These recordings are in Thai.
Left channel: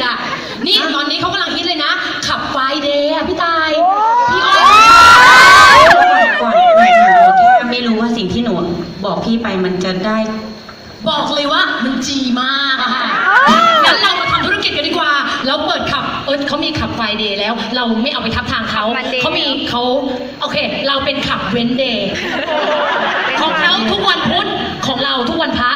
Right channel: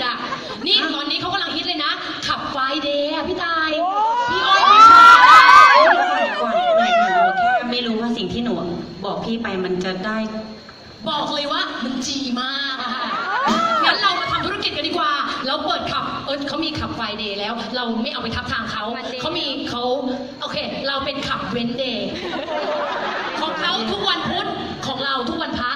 ทำธุรกิจอะ นี่ตอนนี้เขากำลังฮิตเลยนะ ขับไฟเดย์อะพี่ตาย พี่อ้อยพี่ชายก่อนหน่อยค่ะหนูแค่ไม่รู้ว่าสิ่งที่หนูบอกพี่ไปมันจะได้ บอกเลยว่ามันจีมากอะค่ะงั้นเรามาทำธุรกิจกันดีกว่า เราเปิดขับ เออเขามีขับไฟเดย์แล้ว เราไม่เอาไปทับทางเขามันเดย์เขามีเขาโอเค เราเป็นขับเว้นเดย์ของเขาทุกวันพุธ ของเราทุกวันพระ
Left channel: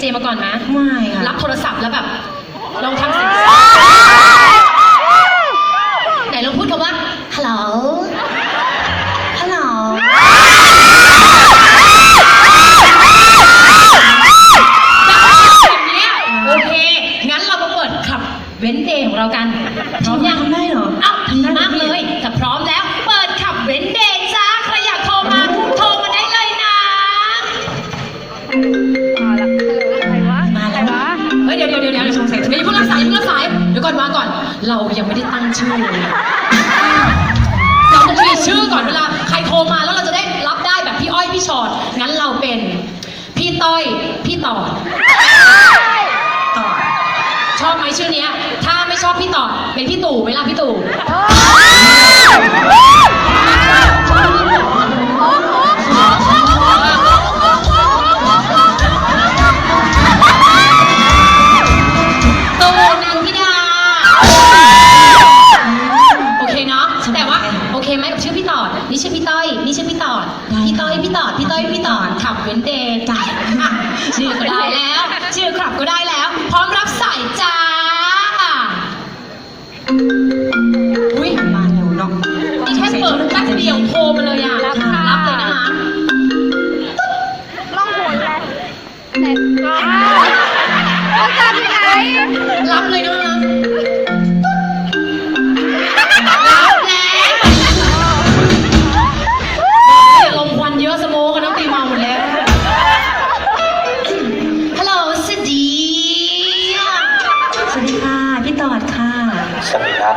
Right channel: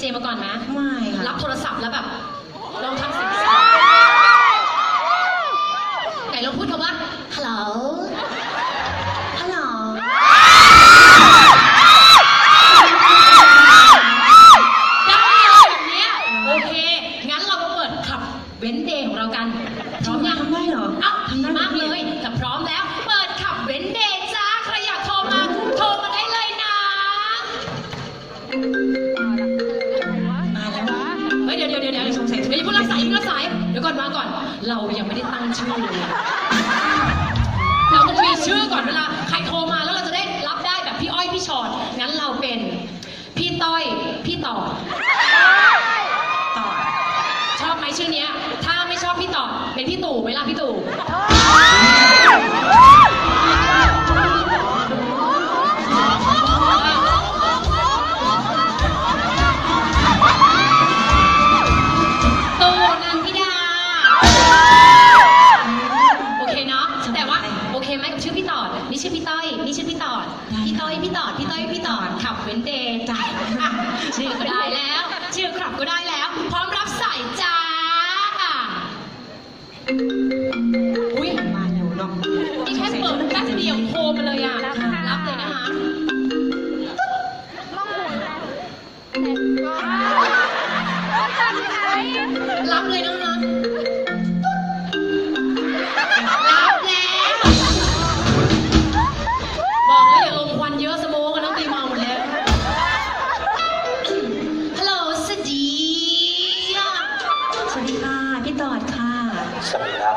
เจพี่แต่เคยเป็นดีเจมาก่อนไหมไม่ค่ะ รับโทรศัพท์แล้วแบบลองทำเสียงไหนลองพูดคำว่าฮัลโหลฮัลโหลแบบเนี้ยโอเค งั้นเรามาเปิดขับเว้นเดย์ของเรากัน พร้อมยัง ทำได้เหรอ เอ้าดีมากเลยแต่พร้อมแล้ว เปิดขับเว้นเดย์จ้า ใครอยากโทรมา โทรมาได้เลยนะ ดี๋ยวก่อนวาก่อน เรายังไม่ได้ตั้งชื่อเลยเราต้องมีชื่อก่อนเวลาใครโทรมาแล้วเราจะได้รับได้แบบพี่อ้อยพี่ชอดงั้นเราเป็น พี่ต้อยพี่ต่อต่อชอบไหมชื่อเนี้ย ถ้าไม่ชอบพี่ต่อเป็นพี่ตู่ไหมล่ะพี่ตู่ ไหมกับชื่อพี่ต่อนี่ชื่อพี่ต้อยนี่ชื่อพี่ต่อพี่ต้อยพี่ต่อพี่ต้อยพี่ต่อขับเว้นเดย์จ้ะอะชื่อก็ได้แล้ว ชื่อขับก็ได้แล้ว พร้อมรับสายจ้าอุ้ยมาเร็วเนาะนี่แค่เปิดแป๊บเดียวโทรมาเลยอะรับค่ะรับเลยนะคะล่องหนเลยแต่ก็เอาจากไหนรับเลยนะคะ ค่ะ พี่ตอดค่ะ สวัสดีครับ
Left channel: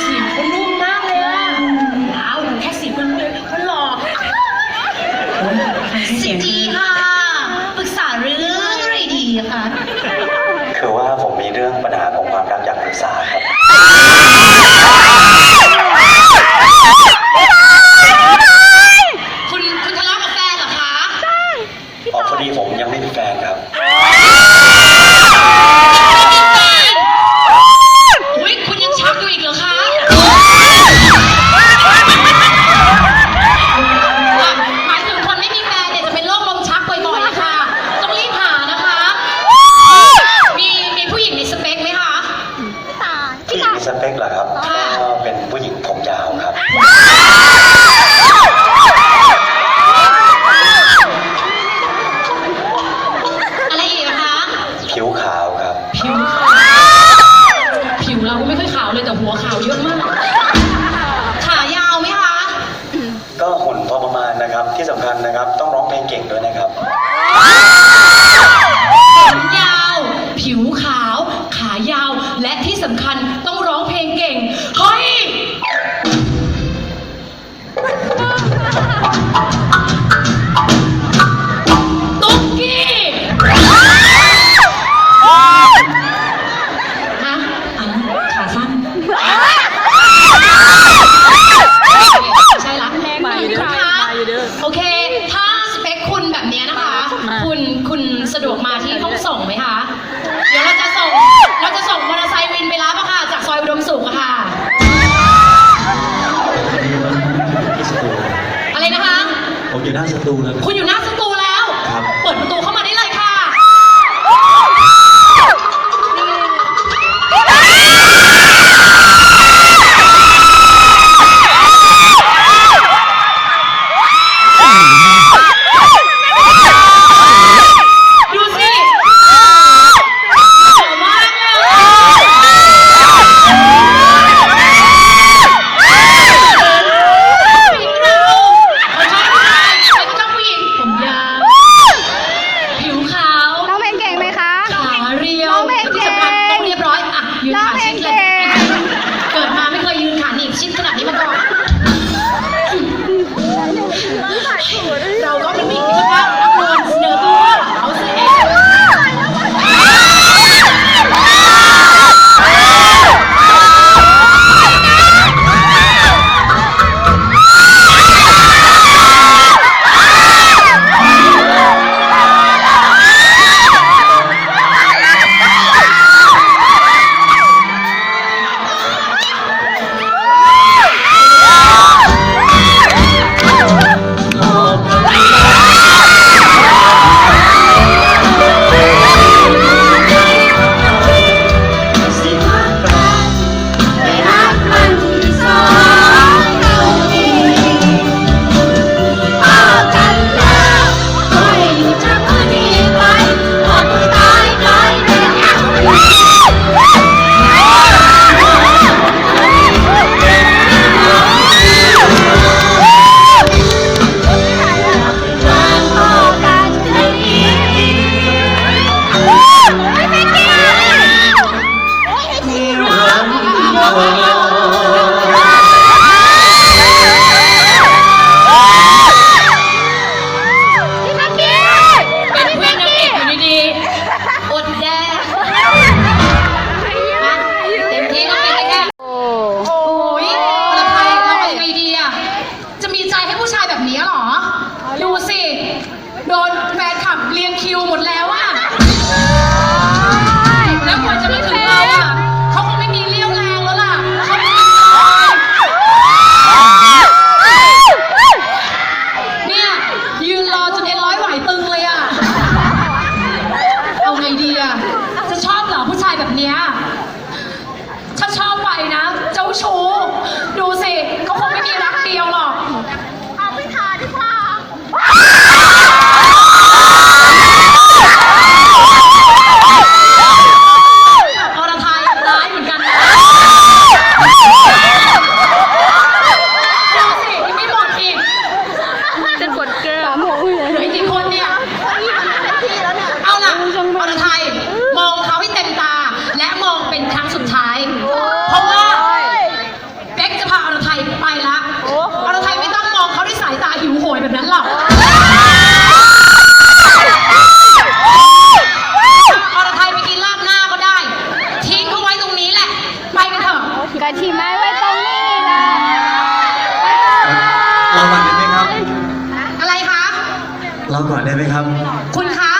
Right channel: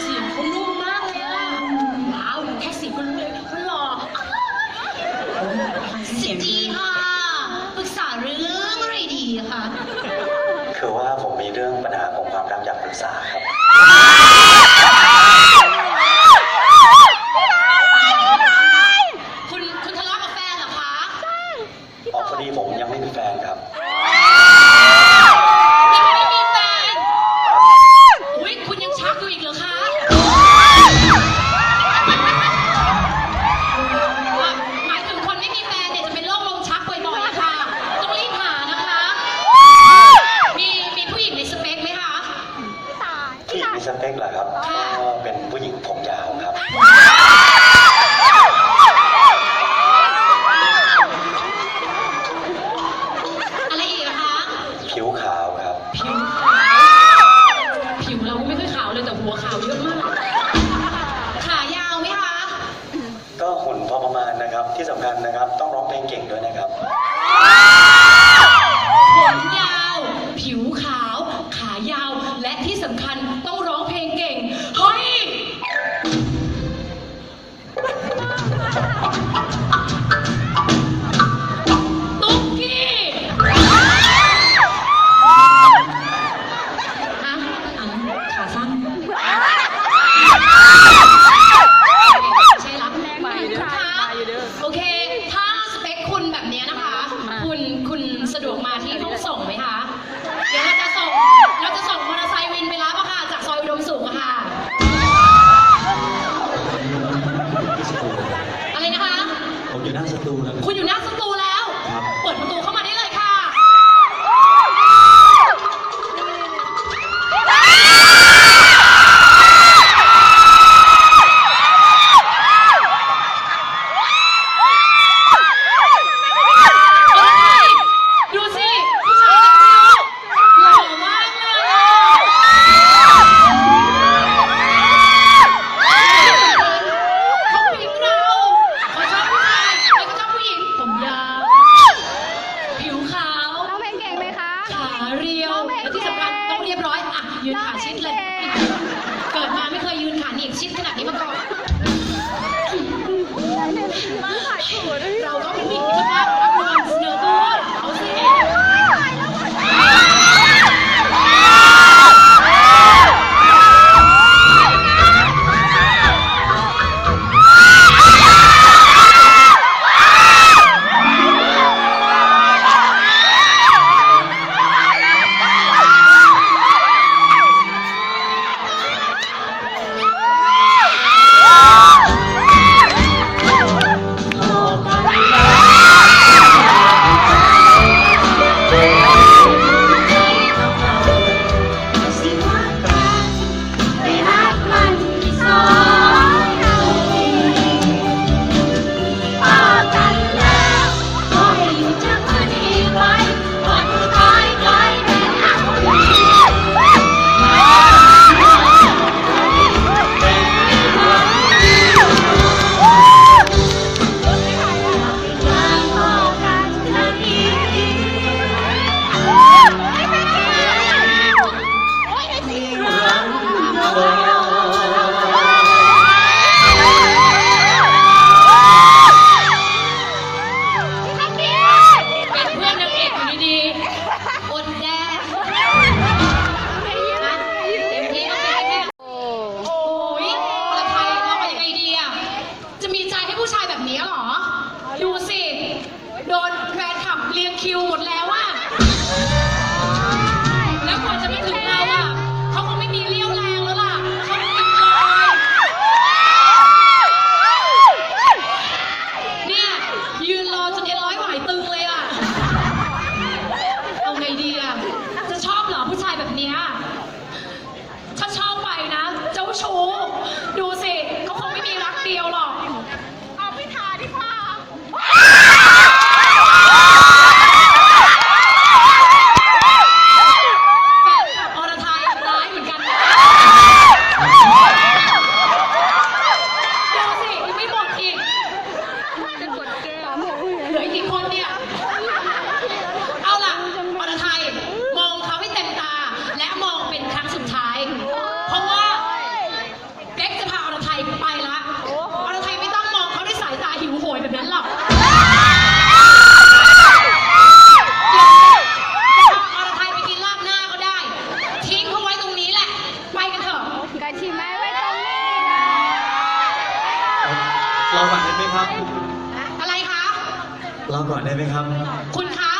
เสียงเขานุ่มมากเลยอะว้าวแค่เสียงมันเลยมันหล่อเสียงดีค่ะ ปรึกษาเรื่องอะไรดีอะคะ คือว่าผมมีเรื่องปัญหาของความรักอยากปรึกษาครับายาว และที่สำคัญต้องร้องเพลงเก่ง เฮ้ย กะทิไม้ไว้ตรงนี้นะเราก่อนได้ไหมครับ อะไรคะ เราก่อนได้ไหมครับ คุณคะ